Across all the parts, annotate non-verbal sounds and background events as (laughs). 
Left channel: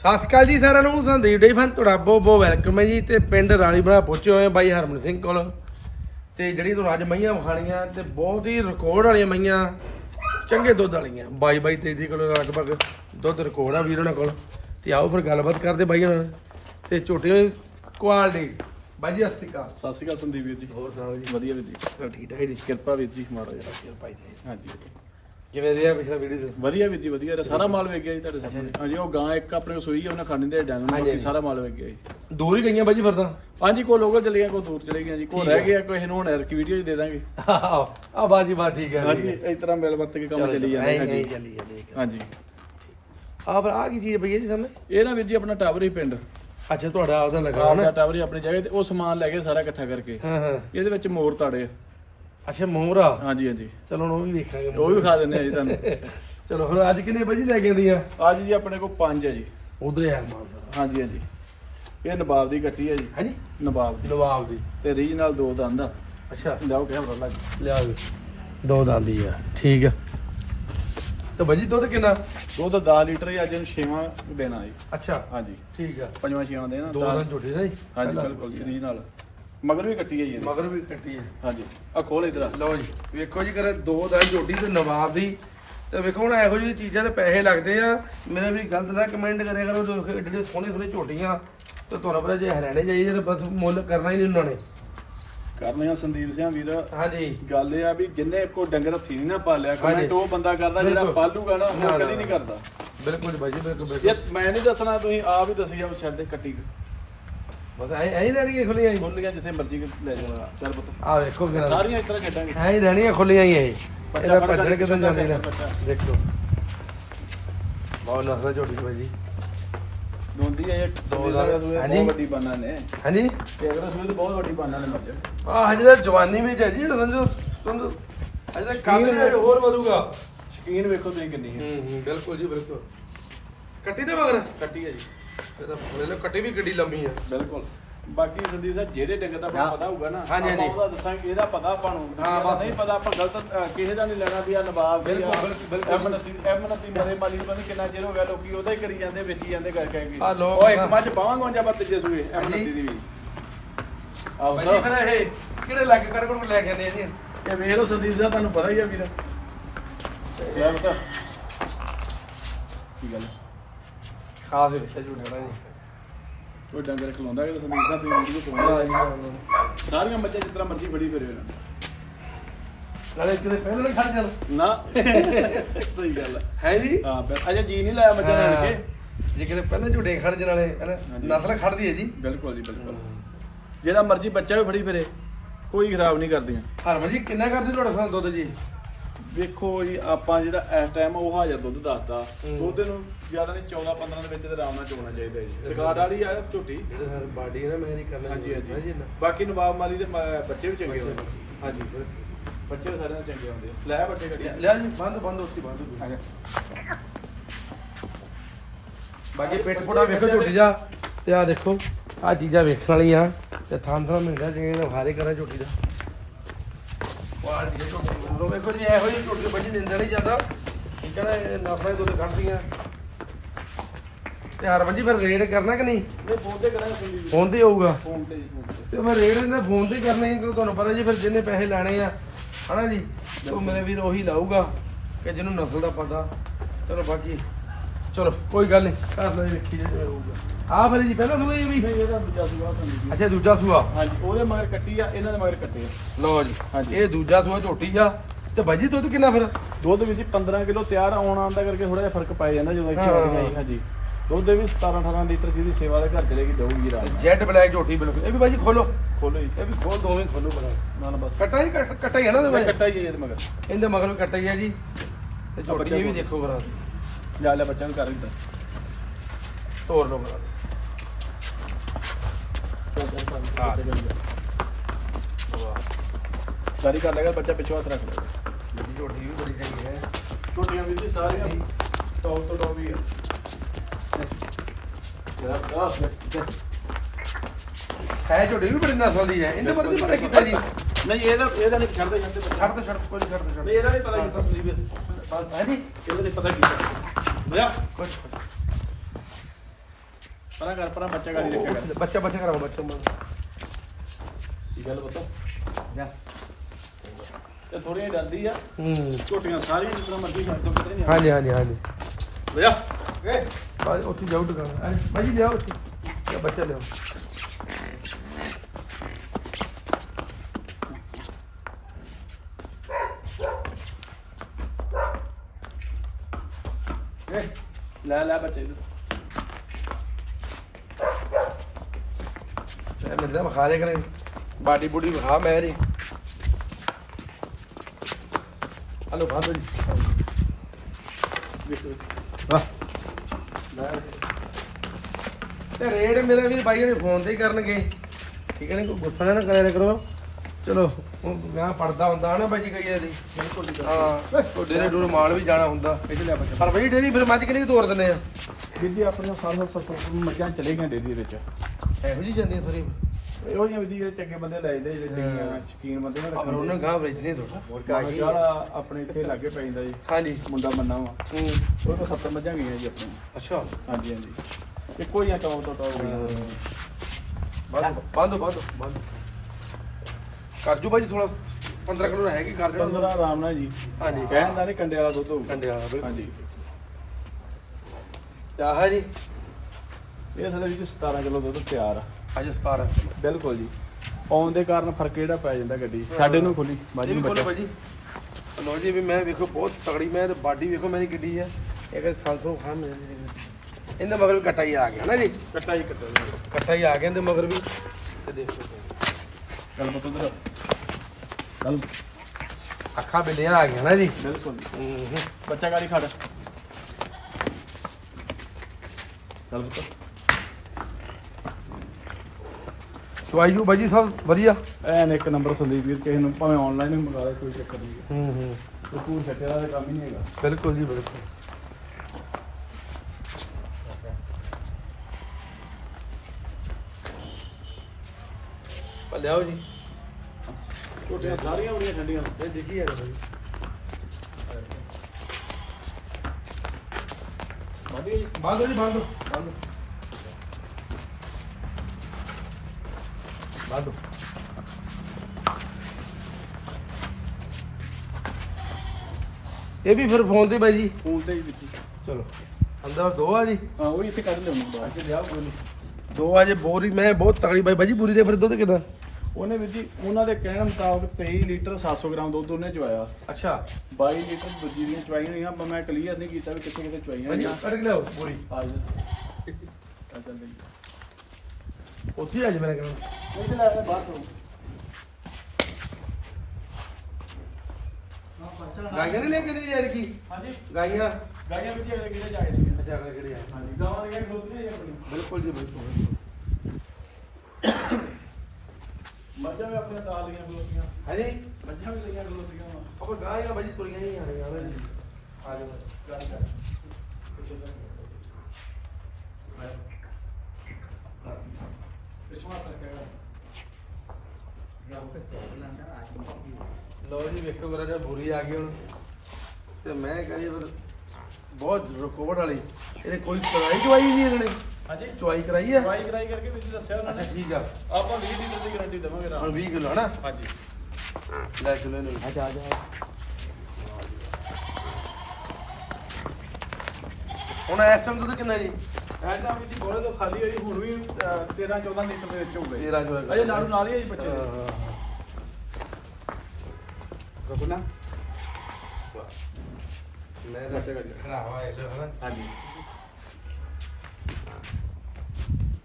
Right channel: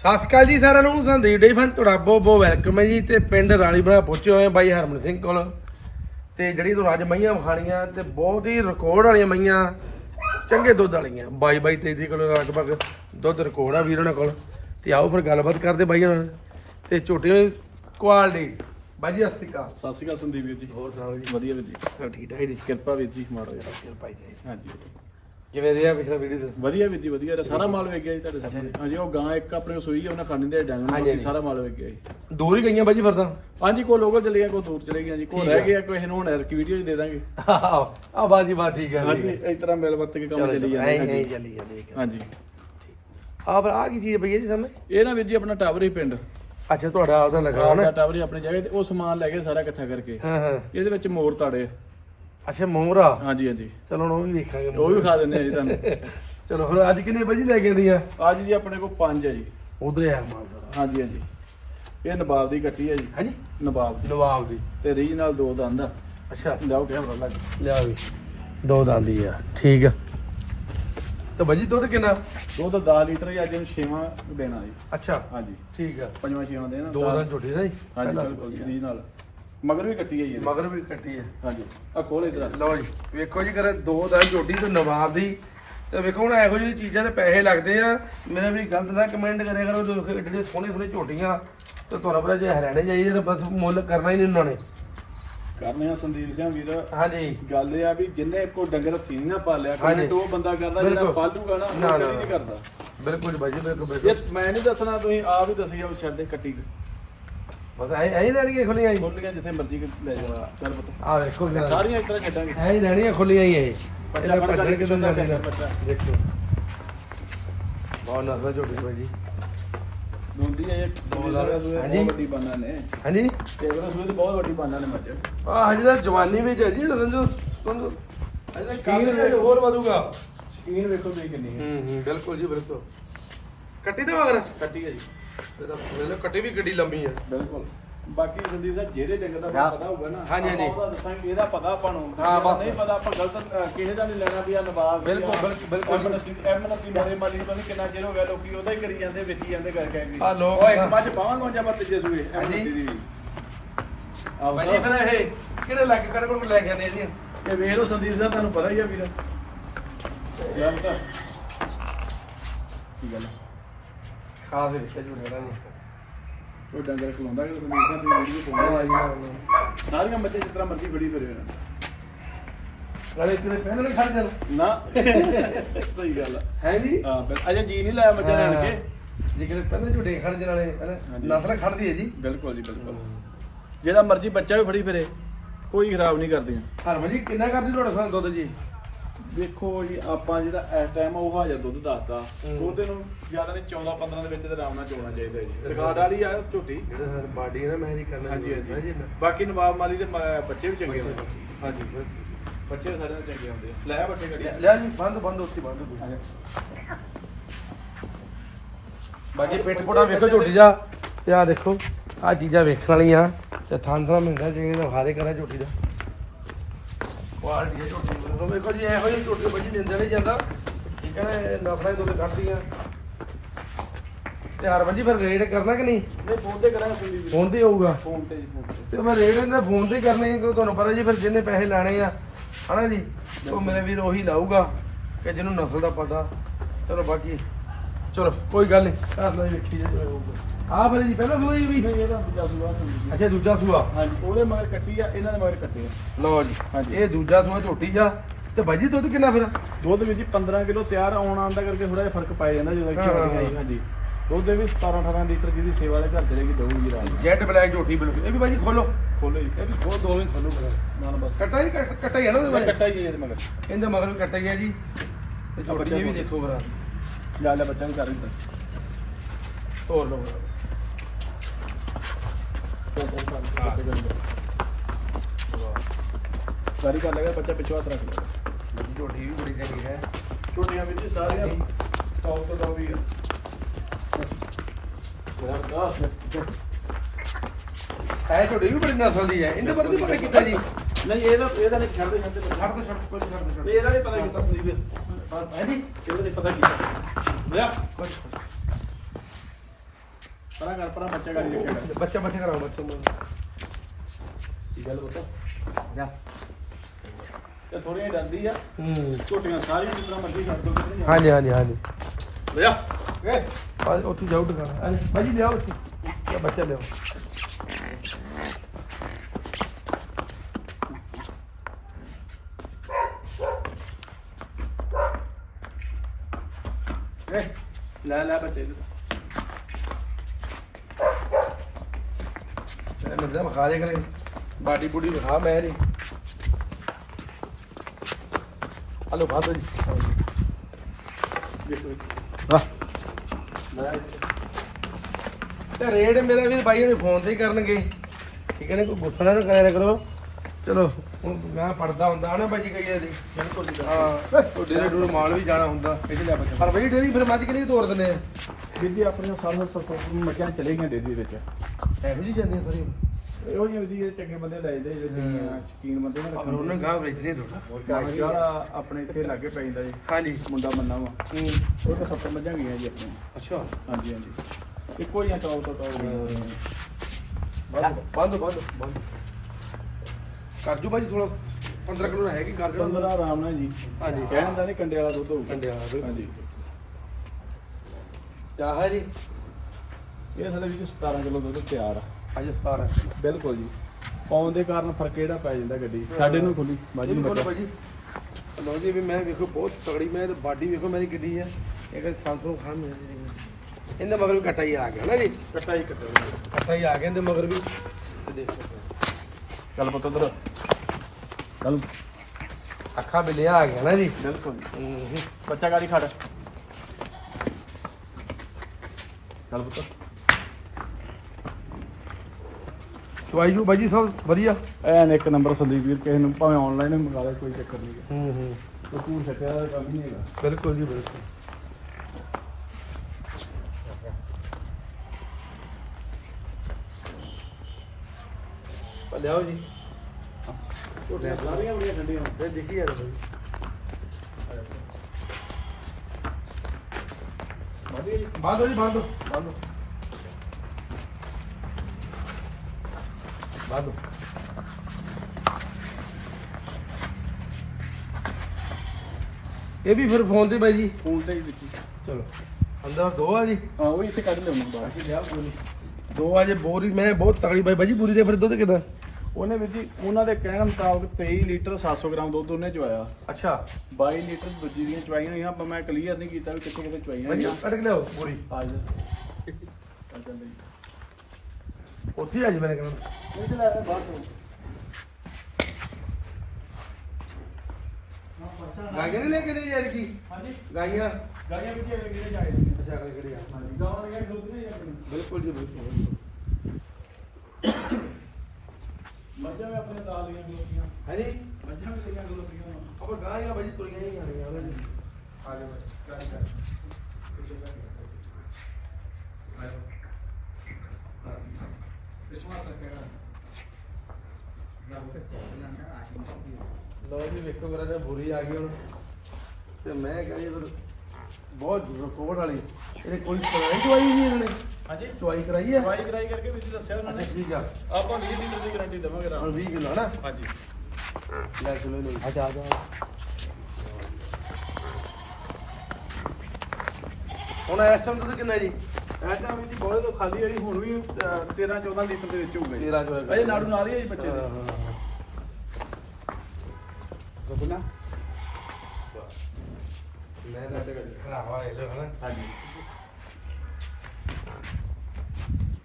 ਸਤਿ ਸ਼੍ਰੀ ਅਕਾਲ ਜੀ ਸਾਰਿਆਂ ਨੂੰ ਸੰਦੀਪ ਡੇ ਫਨ ਤੁਹਾਡਾ ਬਹੁਤ ਬਹੁਤ ਵੈਲਕਮ ਹੈ ਜੀ ਤੇ ਪਿੰਡ ਰਾਣੀ ਬਣਾ ਪਹੁੰਚੇ ਹੋਏ ਬਾਈ ਹਰਮਨ ਸਿੰਘ ਕੋਲ। ਤੇ ਜਿਹੜੀ ਤੁਹਾਨੂੰ ਅੱਜ ਮਈਆਂ ਵਿਖਾਣੀਆਂ ਤੇ ਬਹੁਤ ਹੀ ਰਿਕਾਰਡ ਵਾਲੀਆਂ ਮਈਆਂ ਚੰਗੇ ਦੁੱਧ ਵਾਲੀਆਂ। 22 22 23 ਕਿਲੋ ਲਗਭਗ ਦੁੱਧ ਰਿਕਾਰਡ ਆ ਵੀਰ ਕੋਲ। ਤੇ ਆਓ ਫਿਰ ਗੱਲਬਾਤ ਕਰਦੇ ਬਾਈਆਂ ਨਾਲ। ਤੇ ਝੋਟੀਆਂ ਕੁਆਲਿਟੀ ਬਾਈ ਜੀ ਸਤਿ ਸ਼੍ਰੀ ਅਕਾਲ। ਸਤਿ ਸ਼੍ਰੀ ਅਕਾਲ ਸੰਦੀਪ ਵੀਰ ਜੀ। ਹੋਰ ਸੁਣਾਓ ਜੀ? ਵਧੀਆ ਵੀਰ ਜੀ। ਸਭ ਠੀਕ ਠਾਕ ਜੀ? ਕਿਰਪਾ ਵੀਰ ਜੀ ਮਾਰੋ ਜਰਾ ਕਿਰਪਾ ਜੀ ਹਾਂਜੀ। ਕਿਵੇਂ ਰਿਹਾ ਪਿਛਲਾ ਵੀਡੀਓ ਵਧੀਆ ਵੀਰ ਜੀ ਵਧੀਆ ਰਿਹਾ। ਸਾਰਾ ਮਾਲ ਵੇਚ ਗਿਆ ਜੀ ਤੁਹਾਡੇ ਸਾਹਮਣੇ। ਹਾਂਜੀ ਉਹ ਗਾਂ ਇੱਕ ਆਪਣੇ ਕੋਲ ਸੂਈ ਹੈ ਉਹਨਾਂ ਖਾਣੀ ਦੇ ਡੰਗ ਨੂੰ। ਸਾਰਾ ਮਾਲ ਵੇਚ ਗਿਆ ਜੀ। ਦੂਰ ਹੀ ਗਈਆਂ ਬਾਈ ਜੀ ਫਿਰ ਤਾਂ ਹਾਂਜੀ ਕੋਈ ਲੋਕਲ ਚਲੇ ਗਿਆ ਕੋਈ ਦੂਰ ਚਲੇ ਗਿਆ ਜੀ। ਠੀਕ ਰਹਿ ਆ। ਗਿਆ ਕੋਈ ਇਹਨੂੰ ਹੁਣ ਐਰਕ ਵੀਡੀਓ ਜੀ ਦੇ ਦਾਂਗੇ। ਆ ਬਾਜੀ ਬਾ ਠੀਕ ਹੈ ਹਾਂਜੀ ਇਸ ਤਰ੍ਹਾਂ ਮਿਲ ਵਰਤ ਕੇ ਕੰਮ ਚੱਲੀ ਜਾਂਦਾ ਐਂ ਹਾਂਜੀ। ਚੱਲੀ ਜਾਂਦੇ ਹਾਂਜੀ। ਆ ਪਰ ਆ ਕੀ ਚੀਜ਼ ਪਈ ਹੈ ਜੀ ਸਾਹਮਣੇ? ਇਹ ਨਾ ਵੀਰ ਜੀ ਆਪਣਾ ਟਾਵਰ ਹੀ ਪਿੰਡ। ਅੱਛਾ ਤੁਹਾਡਾ ਉਹਦਾ ਲਗਾ ਨਾ। ਟਾਵਰ ਹੀ ਆਪਣੀ ਜਗ੍ਹਾ ਤੇ ਉਹ ਸਮਾਨ ਲੈ ਕੇ ਸਾਰਾ ਇਕੱਠਾ ਕਰਕੇ। ਹਾਂ ਹਾਂ। ਇਹਦੇ ਵਿੱਚ ਮੋਰ ਤਾੜੇ ਆ। ਅੱਛਾ ਮੋਹਰਾ ਹਾਂਜੀ ਹਾਂਜੀ। ਚਲੋ ਹੁਣ ਉਹ ਵੀ ਦੇਖਾਂਗੇ ਉਹ ਵੀ ਖਾ ਦਿੰਦੇ ਆ ਜੀ ਤੁਹਾਨੂੰ। (laughs) ਚਲੋ ਫਿਰ ਅੱਜ ਕਿੰਨੇ ਵਜੇ ਲੈ ਕੇ ਆਂਦੀਆਂ ਅੱਜ ਜੀ ਆਪਣੇ ਕੋਲ ਪੰਜ ਹੈ ਜੀ। ਉਧਰ ਆ ਮਾਲ ਸਾਰਾ। ਹਾਂਜੀ ਹਾਂਜੀ। ਇਹ ਨਵਾਬ ਦੀ ਕੱਟੀ ਹੈ ਜੀ। ਹਾਂਜੀ? ਨਵਾਬ ਦੀ। ਨਵਾਬ ਦੀ। ਤੇ ਰੀਜ ਨਾਲ ਦੋ ਦੰਦ ਆ। ਅੱਛਾ। ਲਿਆਓ ਕੈਮਰਾ ਲਾ ਕੇ ਲਿਆ ਵੀ ਦੋ ਦੰਦੀ ਆ। ਠੀਕ ਆ। ਤੇ ਬਾਜੀ ਦੁੱਧ ਕਿੰਨਾ? ਦੁੱਧ 10 ਲੀਟਰ ਹੀ ਅੱਜ ਨੂੰ ਛੇਵਾਂ ਦੇਣਾ ਜੀ। ਅੱਛਾ। ਹਾਂਜੀ। ਠੀਕ ਆ। ਪੰਜਵਾਂ ਛੇਵਾਂ ਦੇਣਾ ਦੋ ਦੰਦ ਝੋਟੀ ਨਾ ਜੀ। ਹਾਂਜੀ ਬਿਲਕੁਲ ਜੀ। ਰੀਜ ਨਾਲ ਮਗਰ ਵੀ ਕੱਟੀ ਹੈ ਜੀ ਇਹਦੀ। ਮਗਰ ਵੀ ਕੱਟੀ ਹੈ। ਹਾਂਜੀ। ਆ ਖੋਲ ਇਧਰ ਲਓ ਜੀ ਵੇਖੋ ਜੀ ਕਰੇ ਦੋ ਦਾ ਝੋਟੀ ਤੇ ਨਵਾਬ ਦੀ। ਤੇ ਵੇਖੋ ਹੁਣ ਇਹੋ ਜਿਹੀ ਚੀਜ਼ਾਂ ਦੇ ਪੈਸੇ ਲੱਗਦੇ ਆ। ਮੇਰੇ ਵੀ ਗਲਤ ਨਾ ਕਮੈਂਟ ਕਰਿਆ ਕਰੋ ਜੋ ਏਡੇ ਸੋਹਣੇ ਸੋਹਣੇ ਝੋਟੀਆਂ। ਤੇ ਤੁਹਾਨੂੰ ਪਤਾ ਜੇ ਹਰਿਆਣੇ ਜਾਈਏ ਤਾਂ ਬਸ ਮੁੱਲ ਕਰਨਾ ਹੀ ਨਹੀਂ ਉਹਨਾਂ ਨੇ। ਕਰਨੇ ਆ ਸੰਦੀਪ ਸਿੰਘ ਵੀਰ। ਹਾਂਜੀ। ਗੱਲ ਇਹ ਆ ਵੀ ਜਿੰਨੇ ਕੋ ਡੰਗਰ ਹੱਥੀ ਨਹੀਂ ਨਾ ਪਾਲਿਆ ਹਾਂਜੀ। ਕਮੈਂਟ ਉਹ ਬੰਦਾ ਕਰਦਾ ਜਿਹੜਾ ਬਿਲਕੁਲ। ਪਾਲੂਗਾ ਨਾ ਨਾ, ਉਹ ਨਾ, ਕਦੀ ਨਹੀਂ ਕਰਦਾ। ਬਿਲਕੁਲ ਬਾਜੀ ਬਿਲਕੁਲ ਬਿਲਕੁਲ। ਇਹ ਮੈਂ ਨਹੀਂ ਦੱਸਣਾ ਤੁਸੀਂ ਆਪ ਹੀ ਦੱਸੀ ਜਾਓ ਛੱਡ ਦੇ ਕੱਟੀ। ਬਸ ਐ ਐ ਲੈਣੀਆਂ ਖੁੱਲੀਆਂ ਹੀ। ਖੁੱਲੀਆਂ ਜਿੱਥੇ ਮਰਜ਼ੀ ਲੈ ਜਾਓ ਚੱਲ ਪੁੱਤ। ਆ ਵੇਖੋ ਫਿਰ ਸਾਰੀਆਂ ਇਸ ਤਰ੍ਹਾਂ ਛੱਡਾਂਗੇ। ਐ ਹੀ ਲੈਣੀਆਂ ਖੁੱਲੀਆਂ ਹੀ ਇਹ ਬੱਚਾ ਇਹਦਾ ਫੜ ਕੱਢੇ ਕੇ ਕਿਦਾਂ ਜਾਂਦਾ ਜਾਂਦੇ ਨੇ ਬੱਚਾ। ਦੇਖੋ। ਬਹੁਤ ਨਸਲ ਝੋਟੀ ਸੀ ਬਾਜੀ ਦੋਂਦੀ ਹੈ ਇਹ ਸੰਦੀਪ ਸਿੰਘ ਅਸੂਏ ਹਾਂਜੀ। ਬਹੁਤ ਵੱਡੀ ਬਾਨਾ ਨੇ। ਹਾਂਜੀ? ਇਹ ਅਗਰ ਅਸੂਏ ਤਾਂ ਬਹੁਤ ਵੱਡੀ ਬਾਨਾ ਨੇ ਮੱਝ ਆ ਹਜੇ ਤਾਂ ਜਵਾਨੀ ਵਿੱਚ ਹੈ ਜੀ ਸਮਝੋ ਹੋਰ ਵਧੂਗਾ। ਸ਼ਕੀਨ ਵੇਖੋ ਤੁਸੀਂ ਕਿੰਨੀ ਹੈ। ਹੂੰ ਹੂੰ ਬਿਲਕੁਲ ਜੀ ਬਿਲਕੁਲ। ਕੱਟੀ ਤੇ ਮਗਰ? ਕੱਟੀ ਹੈ ਜੀ। ਇਹਦਾ ਵੇਲੇ ਕੱਟੀ ਵੀ ਕਿੱਡੀ ਲੰਮੀ ਆ ਬਿਲਕੁਲ ਬਾਕੀ ਸੰਦੀਪ ਸਾਹਿਬ ਜਿਹੜੇ ਡੰਗਰ ਦਾ ਹਾਂ। ਆਪਾਂ ਪਤਾ ਹੋਊਗਾ ਨਾ ਹਾਂਜੀ, ਆਪਾਂ ਹਾਂਜੀ। ਉਹਦਾ ਦੱਸਾਂਗੇ ਇਹਦਾ ਪਤਾ ਆਪਾਂ ਨੂੰ ਹਾਂ, ਜਿਹਦਾ ਬਸ। ਨਹੀਂ ਪਤਾ ਆਪਾਂ ਗਲਤ ਅ, ਕਿਸੇ ਦਾ ਨਹੀਂ ਲੈਣਾ ਵੀ ਆ ਨਵਾਬ ਦੀ ਬਿਲਕੁਲ, ਬਿਲਕੁਲ, ਬਿਲਕੁਲ। ਐਮਨਸੀ ਐਮਨਸੀ ਮਰੇ ਮਾਲੀ ਨੂੰ ਪਤਾ ਨੀ ਕਿੰਨਾ ਚਿਰ ਹੋ ਗਿਆ ਲੋਕੀ ਉਹਦਾ ਹੀ ਕਰੀ ਜਾਂਦੇ ਵੇਚੀ ਜਾਂਦੇ ਕਰ ਕਹਿ ਕੇ ਆ ਲੋਕ ਉਹ ਇੱਕ ਨਾ- ਮੱਝ ਬਾਵਾਂਗੇ ਜਾਂ ਆਪਾਂ ਤੀਜੇ ਸੂਏ ਹਾਂਜੀ। ਐਮਨਸੀ ਦੀ ਵੀ ਆਹ ਬਾਜੀ ਫਿਰ ਇਹ ਕਿਹੜੇ ਲੱਗ ਕਰ ਕੋਲ ਲੈ ਕੇ ਆਂਦੇ ਆ ਜੀ ਇਹ ਵੇਖ ਲਓ ਸੰਦੀਪ ਸਾਹਿਬ ਤੁਹਾਨੂੰ ਪਤਾ ਹੀ ਆ ਵੀਰ ਇਹ ਆ ਬਤਾ ਕੀ ਗੱਲ ਖਾਸ ਦੇ ਵਿੱਚ ਜੁੜਨਾ ਜੀ ਕੋਈ ਡੰਗਰ ਖਲਾਉਂਦਾ ਕਿ ਸੰਦੀਪ ਸਾਹਿਬ ਦੀ ਵੀਡੀਓ ਪਾਉਂਦਾ ਸਾਰੀਆਂ ਮੱਝਾਂ ਜਿਸ ਤਰ੍ਹਾਂ ਮਰਜ਼ੀ ਫੜੀ ਫਿਰੇ ਵੀਰ ਨਾਲੇ ਕਿਤੇ ਪਹਿਲਾਂ ਨਹੀਂ ਖੜ ਜਾਣ ਨਾ। ਸਹੀ ਗੱਲ ਆ। ਹੈ ਜੀ? ਹਾਂ ਬਿਲ- ਅਜੇ ਜੀ ਨਹੀਂ ਲਾਇਆ ਮੱਝਾਂ ਲੈਣ ਕੇ। ਜੇ ਕਿਤੇ ਪਹਿਲਾਂ ਝੁੱਡੇ ਖੜ ਜਾਣ ਵਾਲੇ ਹਨਾ ਹਾਂਜੀ। ਨਸਲ ਖੜਦੀ ਹੈ ਜੀ। ਬਿਲਕੁਲ ਜੀ ਬਿਲਕੁਲ। ਜਿਹੜਾ ਮਰਜ਼ੀ ਬੱਚਾ ਵੀ ਫੜੀ ਫਿਰੇ ਕੋਈ ਖਰਾਬ ਨਹੀਂ ਕਰਦੀਆਂ। ਹਰਮਨ ਜੀ ਕਿੰਨਾ ਕਰਦੀ ਤੁਹਾਡਾ ਸਾਲ ਦੁੱਧ ਜੀ? ਦੇਖੋ ਜੀ ਆਪਾਂ ਜਿਹੜਾ ਇਸ ਟਾਈਮ ਉਹ ਹਾਜ਼ਰ ਦੁੱਧ ਦੱਸਦਾ। ਦੁੱਧ ਨੂੰ ਜ਼ਿਆਦਾ ਨਹੀਂ 14 15 ਦੇ ਵਿੱਚ ਤੇ ਆਰਾਮ ਨਾਲ ਚੋਣਾ ਚਾਹੀਦਾ ਜੀ। ਰਿਕਾਰਡ ਵਾਲੀ ਆ ਝੋਟੀ। ਜਿਹੜੇ ਸਰ ਬਾਡੀ ਹੈ ਨਾ ਮੈਂ ਨਹੀਂ ਕਰਨਾ ਹਾਂਜੀ ਹਾਂਜੀ। ਬਾਕੀ ਨਵਾਬ ਮਾਲੀ ਦੇ ਬੱਚੇ ਵੀ ਚੰਗੇ ਹੁੰਦੇ। ਹਾਂਜੀ। ਬੱਚੇ ਸਾਰਿਆਂ ਦੇ ਚੰਗੇ ਹੁੰਦੇ। ਆ। ਲੈ ਬੱਚੇ ਗੱਡੀ। ਲਿਆ ਜੀ ਬੰਦ ਬੰਦ ਉੱਥੇ ਬੰਦ। ਬਾਕੀ ਪਿੱਠ ਪੁੜਾ ਵੇਖੋ ਝੋਟੀ ਜਾ ਤੇ ਆ ਦੇਖੋ ਆ ਚੀਜ਼ਾਂ ਵੇਖਣ ਵਾਲੀਆਂ। ਤੇ ਥਾਂ ਥਾਂ ਮਿਲਦਾ ਜੀ ਹਾਰੇ ਕਰਾਂ ਝੋਟੀ ਦਾ। ਕੁਆਲਿਟੀ ਹੈ ਝੋਟੀ ਦੀ। ਉਦੋਂ ਵੇਖੋ ਜੀ ਇਹੋ ਜਿਹੀ ਝੋਟੀ ਬੱਜੀ ਦਿੰਦਾ ਨਹੀਂ ਜਾਂਦਾ। ਠੀਕ ਹੈ ਨਾ ਨਾਫਾਂ ਤੋਂ ਕੱਢਦੀਆਂ ਤੇ ਹਰਮਨ ਜੀ ਫਿਰ ਰੇਡ ਕਰਨਾ ਕਿ ਨਹੀਂ? ਨਹੀਂ ਫੋਨ ਤੇ ਕਰਾਂਗੇ ਸੰਦੀਪ ਜੀ ਫੋਨ ਤੇ ਹੋਊਗਾ? ਫੋਨ ਤੇ ਜੀ ਫੋਨ ਤੇ। ਤੇ ਮੈਂ ਰੇਡ ਇਹਨਾਂ ਫੋਨ ਤੇ ਹੀ ਕਰਨੇ ਆ ਕਿਉਂਕਿ ਤੁਹਾਨੂੰ ਪਤਾ ਜੀ ਫਿਰ ਜਿੰਨੇ ਪੈਸੇ ਲੈਣੇ ਆ ਹਨਾ ਜੀ? ਉਹ ਮੇਰੇ ਵੀਰ ਉਹੀ ਲਾਊਗਾ ਕਿ ਜਿਹਨੂੰ ਨਸਲ ਦਾ ਪਤਾ। ਚਲੋ ਬਾਕੀ ਚਲੋ ਕੋਈ ਗੱਲ ਨਹੀਂ ਕਰ ਲਓ ਜੀ ਵੇਖੀ ਜੇ ਜਿਵੇਂ ਹੋਊਗਾ। ਆ ਫਿਰ ਜੀ ਪਹਿਲਾਂ ਸੂਈ ਵੀ? ਨਹੀਂ ਇਹਦਾ ਦੂਜਾ ਸੂਆ ਸੰਦੀਪ ਜੀ। ਅੱਛਾ ਦੂਜਾ ਸੂਆ। ਹਾਂਜੀ ਉਹਦੇ ਮਗਰ ਕੱਟੀ ਆ ਇਹਨਾਂ ਦੇ ਮਗਰ ਕੱਟੇ ਆ। ਲਓ ਜੀ ਹਾਂਜੀ। ਇਹ ਦੂਜਾ ਸੂਆ ਝੋਟੀ ਜਾ ਤੇ ਬਾਜੀ ਦੁੱਧ ਕਿੰਨਾ ਫਿਰ? ਦੁੱਧ ਵੀ ਜੀ 15 ਕਿਲੋ ਤਿਆਰ ਆਉਣ ਆਉਣ ਦਾ ਕਰਕੇ ਥੋੜਾ ਜਿਹਾ ਫ਼ਰਕ ਪੈ ਜਾਂਦਾ ਜਦੋਂ ਹਾਂ। ਆਈ ਹਾਂਜੀ। ਦੁੱਧ ਦੇ ਵੀ 17 18 ਲੀਟਰ ਜਿਹਦੀ ਸੇਵਾ ਵਾਲੇ ਘਰ ਚਲੇਗੀ ਦਊਗੀ ਰਾਤ। ਜੈਡ ਬਲੈਕ ਝੋਟੀ ਬਿਲਕੁਲ ਇਹ ਵੀ ਬਾਜੀ ਖੋਲੋ। ਖੋਲੋ ਜੀ। ਇਹ ਵੀ ਖੋਲ ਦੋਵੇਂ ਖੋਲੋ ਬੜਾ। ਨਾਲ ਬਸ। ਕੱਟਾ ਹੀ ਕੱਟ- ਹੀ ਹੈ ਨਾ ਇਹਦੇ ਵਿੱਚ? ਕੱਟਾ ਹੀ ਹੈ ਇਹਦੇ ਮਗਰ। ਇਹਦੇ ਮਗਰ ਵੀ ਕੱਟਾ ਹੀ ਹੈ ਜੀ। ਤੇ ਝੋਟੀ ਵੀ ਖੋਲ। ਦੇਖੋ ਬਰਾ ਜਾ ਲੈ ਬੱਚਾ ਵੀ ਕਰ ਦਿੱਤਾ ਤੋੜ ਲਓ ਬਰਾ ਸਾਰੀ ਕਰ ਲੇਗਾ ਬੱਚਾ ਪਿੱਛੋਂ ਹੱਥ ਰੱਖ ਲੈ ਝੋਟੀ ਵੀ ਬੜੀ ਚੰਗੀ ਹੈ ਟੁੱਟੀਆਂ ਵੀ ਜੀ ਸਾਰੀਆਂ ਟੌਪ ਤੋਂ ਟੌਪ ਹੀ ਆ। ਹੈ ਝੋਟੀ ਵੀ ਬੜੀ ਨਸਲ ਦੀ ਹੈ ਇਹਦੇ ਬਾਰੇ ਵੀ ਪਤਾ ਕੀਤਾ ਜੀ। ਨਹੀਂ ਇਹਦਾ ਇਹਦਾ ਨਹੀਂ ਛੱਡਦੇ ਛੱਡਦੇ ਛੱਡ ਦੇ। ਛੱਡ ਕੋਈ ਛੱਡ ਦੇ ਛੱਡ ਨਹੀਂ ਇਹਦਾ ਨਹੀਂ ਪਤਾ ਕੀਤਾ ਸੰਦੀਪ। ਹੈ ਜੀ। ਇਹਦਾ ਨਹੀਂ ਪਤਾ ਕੀਤਾ ਲਿਆ ਪਰਾਂ ਕਰ ਪਰਾਂ ਬੱਚਾ ਗਾੜੀ ਰੱਖਿਆ ਕਰ। ਬੱਚਾ ਬੱਚਾ ਕਰਾਓ ਬੱਚਾ। ਨੂੰ। ਕੀ ਗੱਲ ਬਤਾ ਜਾ। ਤੇ ਥੋੜੀ ਜਿਹੀ ਡਰਦੀ ਆ। ਹੂੰ। ਝੋਟੀਆਂ ਸਾਰੀਆਂ ਜਿਸ ਤਰ੍ਹਾਂ ਮਰਜ਼ੀ ਛੱਡ ਦੋ ਕਿਤੇ ਨਹੀਂ ਹਾਂਜੀ ਹਾਂਜੀ ਹਾਂਜੀ। ਲੈ ਜਾ। ਬਾਜੀ ਉੱਥੇ ਜਾਓ ਟਿਕਾਣਾ ਬਾਜੀ ਲਿਆਓ ਉੱਥੇ। ਬੱਚਾ ਲਿਆਓ ਏ, ਲੈ ਲੈ ਬੱਚੇ ਨੂੰ ਮਿਲਦਾ ਵਿਖਾ ਦੇ ਕਰੇ ਬਾਡੀ ਬੁੜੀ ਵਿਖਾ ਮੈਂ ਦੀ ਹਲੋ ਬਾਦੋ ਜੀ। ਦੇਖੋ ਵਾਹ। ਤੇ ਰੇਟ ਮੇਰਾ ਵੀ ਬਾਈ ਨੂੰ ਫੋਨ ਤੇ ਹੀ ਕਰਨਗੇ। ਠੀਕ ਹੈ ਨਾ ਕੋਈ ਗੁੱਸਾ ਨਾ ਕਰਿਆ ਕਰੋ। ਚਲੋ ਹੁਣ ਗਾਂ ਪੜਦਾ ਹੁੰਦਾ ਨਾ ਬਾਈ ਜੀ ਕਈ ਦੀ ਬਿਲਕੁਲ ਜੀ ਹਾਂ। ਡੇਰੇ ਡੂਰ ਮਾਲ ਵੀ ਜਾਣਾ ਹੁੰਦਾ। ਇਹ ਲੈ ਬੱਚਾ ਪਰ ਬਾਈ ਡੇਰੀ ਫਿਰ ਮੱਝ ਕਿੰਨੀ ਕੁ ਤੋਰ ਦਿੰਦੇ ਆ? ਵੀਰ ਜੀ ਆਪਣੀਆਂ ਸਾਰਾ ਸੱਤ ਮੱਝਾਂ ਚਲੇ ਗਈਆਂ ਡੇਰੀ ਵਿੱਚ। ਇਹੋ ਜੀ ਜਾਂਦੇ ਸਾਰੀ। ਇਹੋ ਜਿਹੀਆਂ ਵਧੀਆ ਚੰਗੇ ਬੰਦੇ ਲੈ ਜਾਂਦੇ ਜਿਹੜੇ ਸ਼ਕੀਨ ਬੰਦੇ ਨੇ ਪਰ ਉਹਨਾਂ ਗਾਂ ਵੇਚਣੀ ਥੋੜਾ ਹੋਰ ਵਾਲਾ ਆਪਣੇ ਇੱਥੇ ਲਾਗੇ ਪੈਂਦਾ ਜੀ। ਹਾਂਜੀ। ਮੁੰਡਾ ਮੰਨਾ ਵਾ। ਹੂੰ। ਉਹ ਤਾਂ ਸੱਤ ਮੱਝਾਂ ਗਈਆਂ ਜੀ ਆਪਣੀਆਂ। ਅੱਛਾ। ਹਾਂਜੀ ਹਾਂਜੀ। ਇੱਕੋ ਹੀ ਆ ਟੌਪ ਤੋਂ ਟੌਪ ਗਈਆਂ ਬੰਦ ਬੰਦ ਬੰਦ ਬੰਦ। ਕਰਜੂ ਭਾਈ 16 15 ਕਿਲੋ ਹੈਗੀ ਕਰ ਦਿਓ 15 ਆਰਾਮ ਨਾਲ ਜੀ। ਹਾਂਜੀ। ਕਹਿਣ ਦਾ ਨਹੀਂ ਕੰਡੇ ਵਾਲਾ ਦੁੱਧ ਹੋਊਗਾ। ਕੰਡੇ ਵਾਲਾ ਬਿਲਕੁਲ ਹਾਂਜੀ। ਆਹ ਜੀ? ਇਹ ਅਸਲ ਵਿੱਚ 17 ਕਿਲੋ ਦੁੱਧ ਤਿਆਰ ਆ। ਅੱਜ 17 ਕਿਲੋ ਬਿਲਕੁਲ ਜੀ। ਪਾਉਣ ਦੇ ਕਾਰਨ ਫ਼ਰਕ ਜਿਹੜਾ ਪੈ ਜਾਂਦਾ ਗੱਡੀ ਸਾਡੇ ਨੂੰ ਖੁੱਲੀ ਮਾਜੀ ਜੀ ਨੂੰ ਬੋਲੋ ਬੱਚਾ ਭਾਜੀ। ਲੋ ਜੀ ਵੀ ਮੈਂ ਵੇਖੋ ਬਹੁਤ ਤਗੜੀ ਮੈਂ ਤੇ ਬਾਡੀ ਵੇਖੋ ਮੇਰੀ ਕਿੱਡੀ ਹੈ। ਇੱਕ ਸੰਸੋਂ ਖਾਨ ਮੇਰੀ ਇਹਦੇ ਮਗਰ ਵੀ ਕੱਟਾ ਹੀ ਆ ਗਿਆ ਨਾ ਜੀ। ਕੱਟਾ ਹੀ ਕੱਟਾ ਕੱਟਾ ਹੀ ਆ ਗਿਆ ਇਹਦੇ ਮਗਰ ਵੀ। ਤੇ ਦੇਖੋ ਚੱਲ ਪੁੱਤ ਉਧਰ। ਚੱਲ। ਅੱਖਾਂ ਬਿਲਿਆ ਆ ਗਿਆ ਨਾ ਜੀ। ਬਿਲਕੁਲ ਬੱਚਾ ਗਾੜੀ ਖੜ। ਚੱਲ ਪੁੱਤ। ਚੁਆਈਓ ਬਾਜੀ ਸਭ ਵਧੀਆ? ਐਨ ਇੱਕ ਨੰਬਰ ਸੰਦੀਪ ਵੀਰ ਕਿਸੇ ਨੂੰ ਭਾਵੇਂ ਆਨਲਾਈਨ ਹੀ ਮੰਗਾ ਲੈ ਕੋਈ ਚੱਕਰ ਨਹੀਂ ਹੂੰ ਹੂੰ। ਉਹ ਤੂੰ ਛੱਟਿਆ ਦਾ ਕੰਮ ਹੀ ਨਹੀਂ ਹੈਗਾ। ਬਿਲਕੁਲ ਜੀ ਬਿਲਕੁਲ। ਆ ਲਿਆਓ ਜੀ। ਝੋਟੀਆਂ ਸਾਰੀਆਂ ਬੜੀਆਂ ਠੰਡੀਆਂ। ਇਹ ਦੇਖੀ ਯਾਰ ਬਾਈ। ਵਧੀਆ ਜੀ ਬੰਦ ਹੋ। ਜੀ ਬੰਦ ਬੰਦ ਬੰਦ ਇਹ ਵੀ ਫਿਰ ਫੋਨ ਤੇ ਬਾਈ ਜੀ? ਫੋਨ ਤੇ ਹੀ ਵਿੱਚ ਚਲੋ। ਅੰਦਰ ਦੋ ਆ ਜੀ। ਹਾਂ ਉਹ ਇੱਥੇ ਕੱਢ ਲਿਆਉਣਾ ਬਾਅਦ ਚ ਲਿਆ ਨਹੀਂ। ਦੋ ਆ ਜੇ ਬੋਰੀ ਮੈਂ ਬਹੁਤ ਤਗੜੀ ਬਾਈ। ਬਾਜੀ ਪੂਰੀ ਦੇ ਫਿਰ ਦੁੱਧ ਕਿਦਾਂ ਉਹਨੇ ਵੀਰ ਜੀ ਉਹਨਾਂ ਦੇ ਕਹਿਣ ਮੁਤਾਬਕ 23 ਲੀਟਰ 700 ਗ੍ਰਾਮ ਦੁੱਧ ਉਹਨੇ ਚਵਾਇਆ ਅੱਛਾ। 22 ਲੀਟਰ ਦੂਜੀ ਦੀਆਂ ਚਵਾਈਆਂ ਹੋਈਆਂ। ਪਰ ਮੈਂ ਕਲੀਅਰ ਨਹੀਂ ਕੀਤਾ ਵੀ ਕਿੱਥੇ ਕਿੱਥੇ ਚਵਾਈਆਂ ਹੋਈਆਂ। ਕੱਢ ਕੇ ਲਿਆਓ ਬੋਰੀ। ਆ ਜਾ। ਚੱਲ ਚੱਲ ਉੱਥੇ ਹੀ ਆ ਜੀ ਮੇਰੇ ਕੋਲ। ਇੱਥੇ ਲੈ ਆ ਬਾਹਰ ਤੋਂ ਗਾਈਆਂ ਨਹੀਂ ਲੈ ਕੇ ਨਹੀਂ ਯਾਰ ਕੀ? ਹਾਂਜੀ। ਗਾਈਆਂ? ਗਾਈਆਂ ਵਿੱਚ ਅਗਲੇ ਕਿਹੜੇ ਜਾਏ ਨੇ। ਅੱਛਾ ਅਗਲੇ ਕਿਹੜੇ ਆ? ਹਾਂਜੀ ਗਾਵਾਂ ਦੀਆਂ ਦੁੱਧ ਨਹੀਂ ਆਪਣੀ। ਬਿਲਕੁਲ ਜੀ ਬਿਲਕੁਲ। ਮੱਝਾਂ ਵੀ ਆਪਣੇ ਦਾਲ ਦੀਆਂ ਬੋਤੀਆਂ ਹਾਂਜੀ? ਮੱਝਾਂ ਵੀ ਲਈਆਂ ਬੋਤੀਆਂ ਅਬ ਗਾਈਆਂ ਬਾਜੀ ਤੁਰੀਆਂ ਨਹੀਂ ਆ ਰਹੀਆਂ ਜੀ ਆ ਜਾਓ ਕਰ ਕਰ ਲੋ ਜੀ ਵੇਖੋ ਮੇਰਾ ਤੇ ਬੁਰੀ ਆ ਗਈ ਹੁਣ। ਤੇ ਮੈਂ ਕਹਿੰਦੀ ਫਿਰ ਬਹੁਤ ਰਿਕਾਰਡ ਵਾਲੀ। ਇਹਨੇ ਕੋਈ ਚਵਾਈ ਚਵਾਈ ਨਹੀਂ ਇਹਨਾਂ ਹਾਂਜੀ। ਚਵਾਈ ਕਰਾਈ ਹੈ ਦਵਾਈ ਕਰਾਈ ਕਰਕੇ ਵਿੱਚ ਦੱਸਿਆ ਉਹਨਾਂ ਅੱਛਾ ਨੇ ਠੀਕ ਆ। ਆਪਾਂ 20 ਲੀਟਰ ਦੀ ਗਾਰੰਟੀ ਦੇਵਾਂਗੇ ਹੁਣ ਰਾਮ 20 ਕਿਲੋ ਹਨਾ ਹਾਂਜੀ। ਲੈ ਚਲੋ ਇਹਨੂੰ। ਅੱਛਾ ਆ ਹੁਣ ਇਸ ਟਾਈਮ ਦੁੱਧ ਕਿੰਨਾ ਜੀ? ਐਦਾਂ ਵੀ ਜੀ ਬੋਲੇ ਤੋਂ ਖਾਲੀ ਹੋਈ ਹੁਣ ਵੀ 13 14 ਲੀਟਰ ਦੇ ਵਿੱਚ ਹੋਊਗਾ। 13 14 ਅਜੇ ਨਾਲੋਂ ਨਾਲ ਹੀ ਬੱਚੇ ਖਰਾਬ ਲੋ ਹਨਾ? ਹਾਂਜੀ।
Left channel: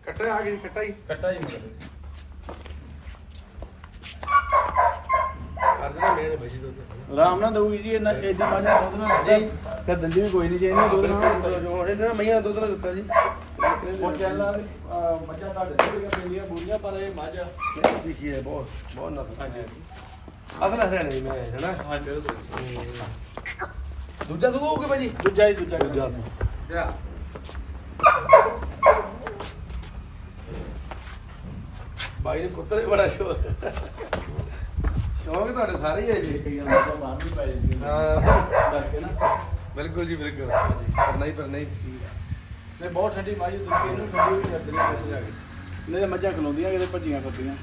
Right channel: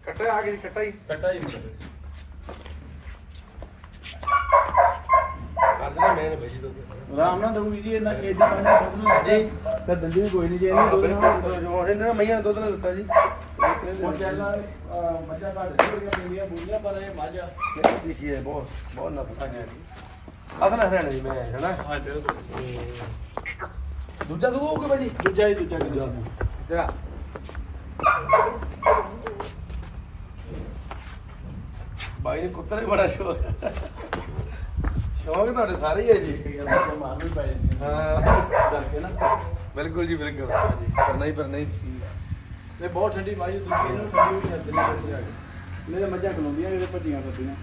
ਕੱਟਾ ਆ ਗਈ ਕੱਟਾ ਹੀ ਕੱਟਾ ਹੀ ਦੇਣਾ ਮੈਂ ਨੇ ਬਜੀ ਦੁੱਧ ਆਰਾਮ ਨਾਲ ਦਊਗੀ ਜੀ ਇਹਨਾਂ ਐਡੀ ਪਾਣੀ ਦੁੱਧ ਨਾ। ਜੀ। ਤੇ ਦੰਦੀ ਵੀ ਕੋਈ ਨਹੀਂ ਜੇ ਇਹਨੇ ਦੁੱਧ ਨਾ ਜੋ ਇਹਨਾਂ ਮਈਆਂ ਦੁੱਧ ਨਾ ਦਿੱਤਾ ਜੀ। ਉਹ ਚੱਲਾਂ ਮੱਝਾਂ ਦਾ ਡੱਬੀਆਂ ਪੀਂਦੀਆਂ ਬੁੜੀਆਂ ਪਰ ਇਹ ਮੱਝ ਨਹੀਂ ਦਿਖੀ ਹੈ ਬਹੁਤ ਬਹੁਤ ਨਫਾ ਹਾਂਜੀ ਅਸਲ ਹਰਿਆਣੇ ਦੀ ਮੈਂ ਹਨਾ? ਹਾਂ ਤੇਰੇ ਤੋਂ ਦੂਜਾ ਦੁੱਧ ਹੋਊਗਾ ਭਾਜੀ? ਦੂਜਾ ਹੀ ਦੂਜਾ ਦੂਜਾ ਸੀ। ਜਾ। ਭਾਈ ਨੇ ਕੁੱਤੇ ਬੜਾ ਸ਼ੌਕ। ਸ਼ੌਕ ਤੁਹਾਡੇ ਸਾਰੇ ਹੀ ਹੈ ਜੀ। ਮਾਰ ਵੀ ਪੈ ਜਾਂਦੀ ਹਾਂ। ਕਰਕੇ ਨਾ। ਬਿਲਕੁਲ ਜੀ ਬਿਲਕੁਲ। ਹੀ ਕਰਨਾ ਹੀ ਸੀ ਨਹੀਂ ਬਹੁਤ ਠੰਡੀ ਮਾਜੀ ਤੁਸੀਂ ਇਹਨੂੰ ਠੰਡੀ ਹੋਈ ਕਰਦੇ ਨੇ ਇੱਥੇ ਜਾ ਕੇ। ਨਹੀਂ ਤਾਂ ਮੱਝਾਂ ਖਲੋਂਦੀਆਂ ਕਿਤੇ ਭੱਜੀਆਂ ਕਰਦੀਆਂ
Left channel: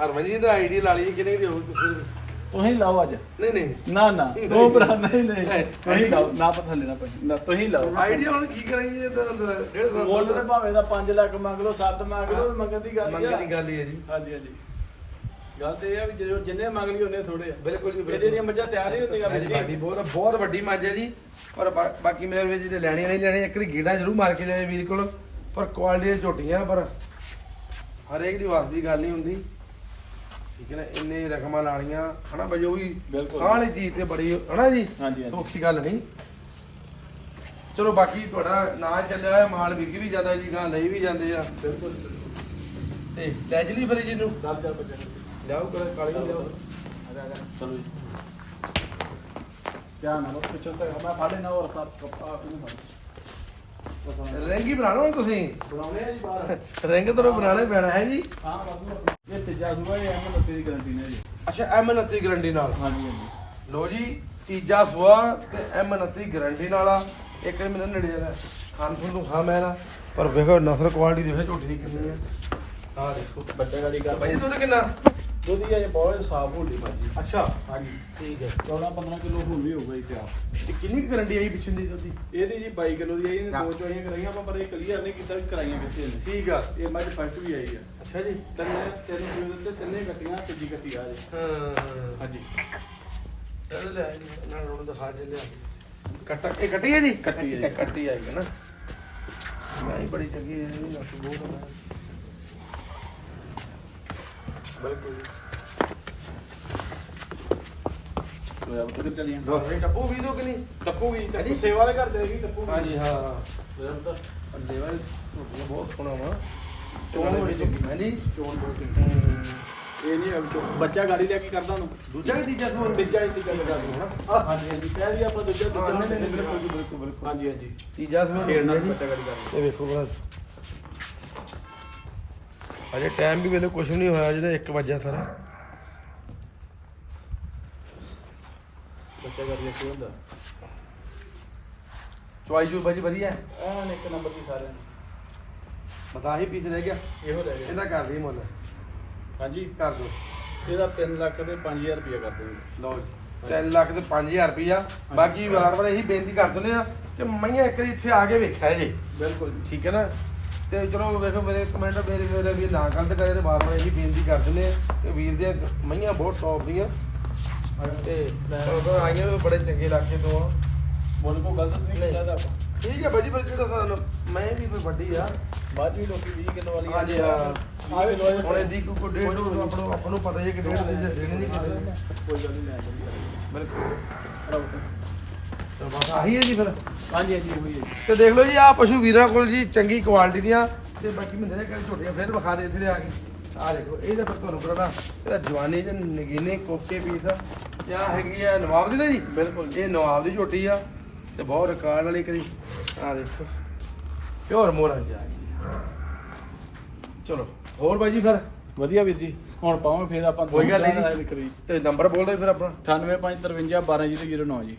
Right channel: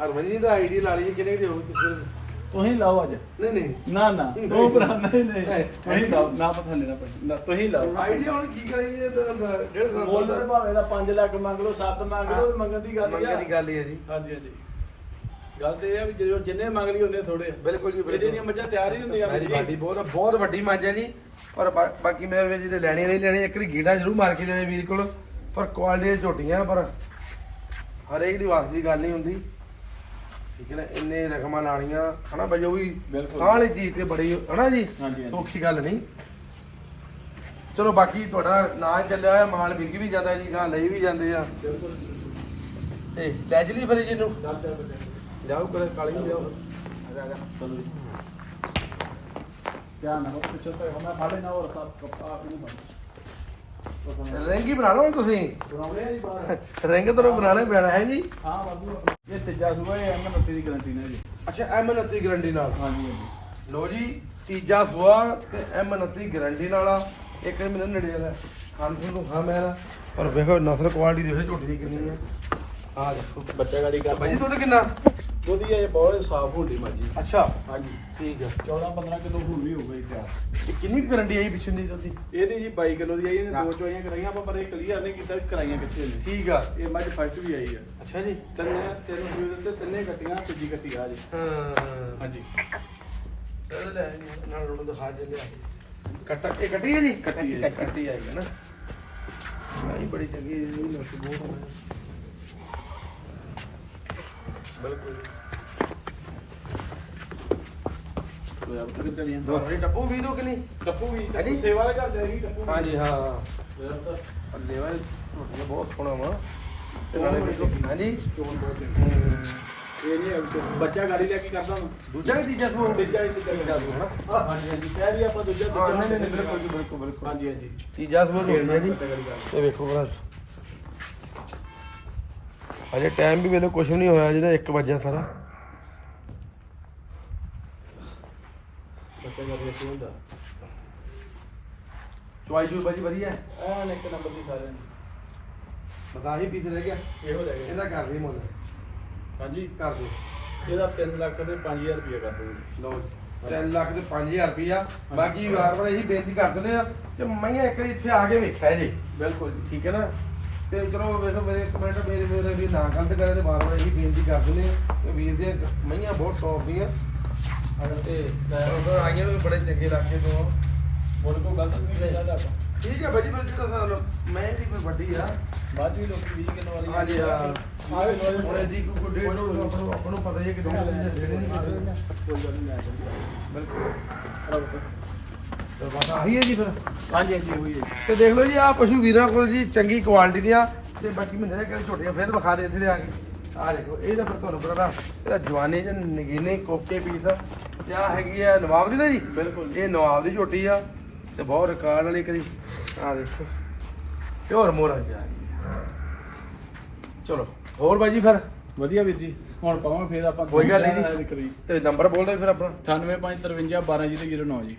ਹਰਮਨ ਜੀ ਦਾ ਆਈਡੀ ਲਾ ਲਈ ਕਿੰਨੇ ਦੀ ਹੋਊ? ਤੁਸੀਂ ਤੁਸੀਂ ਲਾਓ ਅੱਜ। ਨਹੀਂ ਨਹੀਂ। ਨਾ ਨਾ। ਉਹ ਭਰਾ ਨਹੀਂ ਨਹੀਂ। ਤੁਸੀਂ ਲਾਓ। ਨਾ ਪਤਾ ਲੈਣਾ ਪੈਣਾ। ਨਾ ਤੁਸੀਂ ਲਾਓ। ਆਈਡੀ ਹੁਣ ਕੀ ਕਰੀ ਜੀ ਤਾਂ ਡੇਢ ਸਾਲ ਮੁੱਲ ਤੇ ਭਾਵੇਂ ਦਾ 5 ਲੱਖ ਮੰਗ ਲਓ 7 ਮੰਗ ਲਓ ਮੰਗਣ ਦੀ ਗੱਲ ਹੀ ਮੰਗਣ ਆ ਦੀ ਗੱਲ ਹੀ ਹੈ ਜੀ। ਹਾਂਜੀ ਹਾਂਜੀ। ਗੱਲ ਤੇ ਇਹ ਆ ਵੀ ਜਦੋਂ ਜਿੰਨੇ ਮੰਗ ਲਈ ਉਹਨੇ ਥੋੜੇ ਬਿਲਕੁਲ ਜੀ ਜਿਹੜੀਆਂ ਮੱਝਾਂ ਤਿਆਰ ਹੀ ਹੁੰਦੀਆਂ ਜੀ। ਵੱਡੀ ਬਹੁਤ ਬਹੁਤ ਵੱਡੀ ਮੱਝ ਹੈ ਜੀ। ਪਰ ਬਾ- ਬਾਕੀ ਮੇਰੇ ਵੀਰ ਜਿਹੜੇ ਲੈਣੀਆਂ ਨਹੀਂ ਲੈਣੀਆਂ ਇੱਕ ਵਾਰੀ ਗੀੜਾ ਜ਼ਰੂਰ ਮਾਰ ਕੇ ਲੈ ਵੀਰ ਕੋਲ। ਪਰ ਕੁਆਲਿਟੀ ਝੋਟੀਆਂ ਪਰ ਹਰੇਕ ਦੀ ਵਾਸ ਦੀ ਗੱਲ ਨਹੀਂ ਹੁੰਦੀ। ਠੀਕ ਹੈ ਨਾ? ਇੰਨੇ ਰਕਮਾਂ ਲਾਣੀਆਂ ਹਨਾ ਬਈ ਉਹ ਵੀ ਬਿਲਕੁਲ। ਸਾਹ ਵਾਲੀ ਚੀਜ਼ ਤੇ ਬੜੀ ਹਨਾ ਜੀ? ਹਾਂਜੀ, ਹਾਂਜੀ। ਸੌਖੀ ਗੱਲ ਨਹੀਂ। ਚਲੋ ਬਾਕੀ ਤੁਹਾਡਾ ਨਾਂ ਚੱਲਿਆ ਹੋਇਆ ਮਾਲ ਵਿਕ ਵੀ ਜਾਂਦਾ ਜੀ ਗਾਂ ਲਈ ਵੀ ਜਾਂਦੇ ਆ। ਬਿਲਕੁਲ। ਤੇ ਲੈ ਜਲੀ ਫਿਰ ਜੀ ਨੂੰ ਚੱਲ ਚੱਲ ਬੱਚੇ। ਲਿਆਓ ਕਰੇ ਕਾਲੀ ਨੂੰ ਲਿਆਓ ਚਲੋ ਜੀ। ਕਿਆ ਨਾ ਬਸ ਪਿੱਛੇ ਤੱਕ ਮੈਂ ਫਾੜੇ ਨਾ ਹੋਰ ਸਭ ਕਪਾ ਇਹਨੂੰ ਫੜ ਰਿੰਗ ਹੀ ਬਣਾ ਲਓ ਤੁਸੀਂ। ਬਣਾਉਣੇ ਆ ਜੀ ਬਾਹਰ ਰਿੰਗ ਤੋਂ ਬਣਾਣੇ ਪੈਣਾ ਹੈ ਜੀ ਹਾਂ ਵਾਧੂ ਇਹ ਤੀਜਾ ਸੂਆ ਇਹ ਐਮ ਨੱਤੀ ਦੀ ਗਾਰੰਟੀ ਨੇ ਜੀ? ਅੱਛਾ ਐਮ 29 ਗਰੰਟੀ ਨਾਲ। ਹਾਂਜੀ ਹਾਂਜੀ ਲੋ ਜੀ, ਤੀਜਾ ਸਵਾ ਤੇ ਐਮ 29 ਗਰੰਟੀ ਨਾਲ ਆ। ਇੱਕ ਮੈਨੂੰ ਨੇੜੇ ਦਾ ਖਾਣ ਖੂਨ ਨੂੰ ਖਾ ਮੈਂ ਨਾ। ਪਰ ਵੇਖੋ, ਨਸਲ ਕੁਆਲਿਟੀ ਦੇਖੋ ਝੋਟੀ ਦੀ ਕਿੰਨੀ ਹੈ ਆ ਦੇਖੋ ਬੱਚੇ ਗਾੜੀ ਕਰ ਭਾਈ, ਦੁੱਧ ਕਿੰਨਾ? ਦੁੱਧ ਇਹ ਬਹੁਤ ਸਾਫ਼ ਹੁੰਦੀ ਭਾਜੀ। ਅੱਛਾ। ਹਾਂਜੀ। ਠੀਕ ਹੈ 14 15 ਕਿਲੋ ਹੁਣ ਵੀ ਹੋਊਗਾ ਜੀ ਤਿਆਰ। ਤੇ ਕਿੰਨੀ ਗਰੰਟੀ ਆਈ ਪਿਛੇ ਦੀ ਉਹਦੀ ਇਹਦੀ ਜੀ 22 ਕਿਲੋ ਦੀ ਆਈ ਇਹਨੇ ਦੋ ਚੋਈਆਂ ਕਰਾਈਆਂ ਆਪਾਂ ਪਰ ਇਹ ਕਲੀਅਰ ਨਹੀਂ ਕੀਤਾ ਵੀ ਕਰਾਈਆਂ ਕਿੱਥੇ ਨੇ। ਠੀਕ ਆ। ਇਹ ਮੱਝ ਫਸਟ ਵੀ ਆਈ ਆ। ਅੱਛਾ ਜੀ। ਤਿੰਨੇ ਤਿੰਨ ਸੂਏ ਦੇ ਉੱਤੇ ਤਿੰਨੇ ਕੱਟੀਆਂ ਤੀਜੀ ਕੱਟੀ ਆ ਜੀ। ਹਾਂ ਹਾਂਜੀ। ਇਹ ਲੈ ਆਈ ਨਾਲ ਉਹਨੂੰ ਦਿਖਾ ਜੇ ਲਿਆ ਕੱਟਾ ਇਹ ਕੱਟੀ ਹੈ ਜੀ? ਕੱਟੀ ਹੈ ਜੀ। ਕੱਟੀ ਆਈ ਹੈ ਨਾ। ਆਈ ਬੜੀ ਚੰਗੀ ਹੈ ਇਹ ਮਸ਼ਹੂਰ ਹੈ। ਸੋ ਯਾਰ ਕਿੱਧਰ ਚਲੀਆਂ ਦੋ ਟੱਪੂ ਵੀ ਦੋ ਕਿ ਨਹੀਂ ਟੱਪੂਗੀ। ਹਾਂਜੀ। ਸੇਵਾ ਵਾਲੇ ਕਰਦੇ ਸੀ ਟੱਪੂਗੀ ਹਾਂਜੀ ਹਾਂ ਤਾਂ ਅੱਲੇ ਵਾਲੇ ਝੋਟੀਆਂ ਬਹੁਤ ਸੋਹਣਾ ਵਾ। ਚੋਣ ਬੜੀ ਚੰਗੀ। ਹਾਂਜੀ। ਚੋਣ ਬਹੁਤ ਚੰਗੀ। ਇਹ ਨਹੀਂ ਅਬ ਬੱਚਾ ਗਾੜੀ ਲੈ ਕੇ ਕਰਦਾ ਹੁਣ ਦੂਜਾ ਕਿ ਤੀਜਾ ਸੂਆ ਤੀਜਾ ਹੀ ਤੀਜਾ ਲਗਾ ਦੂ ਹਨਾ? ਹਾਂਜੀ ਹਾਂਜੀ। ਕਹਿ ਦੀ ਆਪਾਂ ਦੂਜਾ ਹਾਂ, ਦੂਜਾ ਬਿਲਕੁਲ ਬਿਲਕੁਲ। ਹਾਂਜੀ ਹਾਂਜੀ। ਤੀਜਾ ਸੂਆ ਇਹ ਵੇਖੋ ਬੜਾ ਅਜੇ ਟਾਈਮ ਵੀ ਵੇਲੇ ਕੁਝ ਨਹੀਂ ਹੋਇਆ ਜਿਹੜਾ 1 ਵਜੇ ਸਾਰਾ। ਬੱਚਾ ਗਾੜੀ ਇੱਥੇ ਹੁੰਦਾ? ਚੁਆਈ ਜੂ ਬਾਜੀ ਵਧੀਆ ਐਨ ਇੱਕ ਨੰਬਰ ਦੀ ਸਾਰਿਆਂ ਦੀ। ਬਤਾ ਹੀ ਪੀਸ ਰਹਿ ਗਿਆ? ਇਹੋ ਲੈ ਗਏ ਇਹਦਾ ਕਰ ਦੇ ਮੁੱਲ। ਹਾਂਜੀ। ਕਰ ਦੋ ਇਹਦਾ 3 ਲੱਖ ਤੇ 5000 ਰੁਪਏ ਕਰ ਦੂੰਗੇ ਲਓ ਜੀ 3 ਲੱਖ ਤੇ 5000 ਰੁਪਈਆ। ਬਾਕੀ ਵਾਰ ਵਾਰ ਇਹੀ ਬੇਨਤੀ ਕਰ ਦਿੰਦੇ ਆ ਕਿ ਮਈਆਂ ਇੱਕ ਵਾਰੀ ਇੱਥੇ ਆ ਕੇ ਵੇਖਿਆ ਜੀ ਬਿਲਕੁਲ ਜੀ। ਠੀਕ ਹੈ ਨਾ? ਤੇ ਚਲੋ ਵੇਖੋ ਮੇਰੇ ਕਮੈਂਟ ਮੇਰੇ ਮੇਰੇ ਵੀ ਨਾ ਗਲਤ ਕਰੇ ਤੇ ਵਾਰ ਇਹੀ ਬੇਨਤੀ ਕਰ ਦਿੰਦੇ ਆ ਕਿ ਵੀਰ ਦੀਆਂ ਮਈਆਂ ਬਹੁਤ ਟੌਪ ਦੀਆਂ। ਤੇ ਉਹ ਆਈਆਂ ਵੀ ਬੜੇ ਚੰਗੇ ਇਲਾਕੇ ਤੋਂ ਆ। ਕੋ ਗਲਤ ਨਹੀਂ ਆਪਾਂ। ਠੀਕ ਹੈ ਬਾਜੀ ਫਿਰ ਜਿਹੜਾ ਸਾਨੂੰ ਮੈਂ ਵੀ ਕੋਈ ਵੱਡੀ ਆ। ਬਾਅਦ ਵੀ ਲੋਕੀ 20 ਕਿਲੋ ਵਾਲੀ ਹਾਂਜੀ ਹਾਂ। ਆ ਵੀ ਲੋਕ ਹੁਣ ਇਹਦੀ ਕੋਈ ਕੋਈ ਡੇਢ ਨੂੰ ਆਪਾਂ ਨੂੰ ਆਪਾਂ ਨੂੰ ਪਤਾ ਹੀ ਹੈ ਕਿ ਦੋ ਦਿਨ ਦੇ ਦੇਣੇ ਨਹੀਂ ਕਿਸੇ ਕੋਈ ਗੱਲ ਨਹੀਂ ਲੈ ਜਾਂਦੀ ਬਿਲਕੁਲ। ਤੇ ਬਸ ਆਹੀ ਹੈ ਜੀ ਫਿਰ। ਹਾਂਜੀ ਹਾਂਜੀ ਹੋਈ ਹੈ ਤੇ ਦੇਖ ਲਓ ਜੀ ਆ ਪਸ਼ੂ ਵੀਰਾਂ ਕੋਲ ਜੀ ਚੰਗੀ ਕੁਆਲਿਟੀ ਦੀਆਂ ਤੇ ਬਾਕੀ ਮਹੀਨੇ ਦੇ ਕਿਹੜੇ ਝੋਟੀਆਂ ਫਿਰ ਵਿਖਾ ਦੇ ਇੱਥੇ ਆ ਕੇ। ਆ ਦੇਖੋ ਇਹਦਾ ਫਿਰ ਤੁਹਾਨੂੰ ਪਤਾ ਇਹਦਾ ਜਵਾਨੀ ਚ ਨਗੀਨੇ ਕੋਕੇ ਪੀਸ ਤੇ ਆ ਹੈਗੀ ਆ ਨਵਾਬ ਦੀ ਨਾ ਜੀ। ਬਿਲਕੁਲ ਇਹ ਨਵਾਬ ਦੀ ਝੋਟੀ ਆ ਤੇ ਬਹੁਤ ਰਿਕਾਰਡ ਵਾਲੀ ਕਰੀ। ਆ ਦੇਖੋ ਪਿਓਰ ਮੋਰਾ ਜਾ। ਚਲੋ ਹੋਰ ਬਾਜੀ ਫਿਰ? ਵਧੀਆ ਵੀਰ ਜੀ ਹੁਣ ਪਾਵਾਂਗੇ ਫੇਰ ਆਪਾਂ ਕੋਈ ਗੱਲ ਨਹੀਂ। ਤੇ ਨੰਬਰ ਬੋਲ ਦਿਓ ਫਿਰ ਆਪਣਾ। 9853 12009 ਜੀ।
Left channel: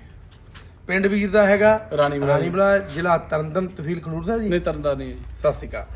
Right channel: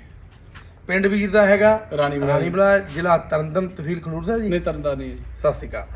ਪਿੰਡ ਵੀਰ ਦਾ ਹੈਗਾ ਰਾਣੀ ਬਲਾ ਜ਼ਿਲ੍ਹਾ ਤਰਨਤਨ ਤਹਿਸੀਲ ਖਡੂਰ ਸਾਹਿਬ ਜੀ। ਨਹੀਂ ਤਰਦਾ ਨਹੀਂ ਸਤਿ ਸ਼੍ਰੀ ਅਕਾਲ।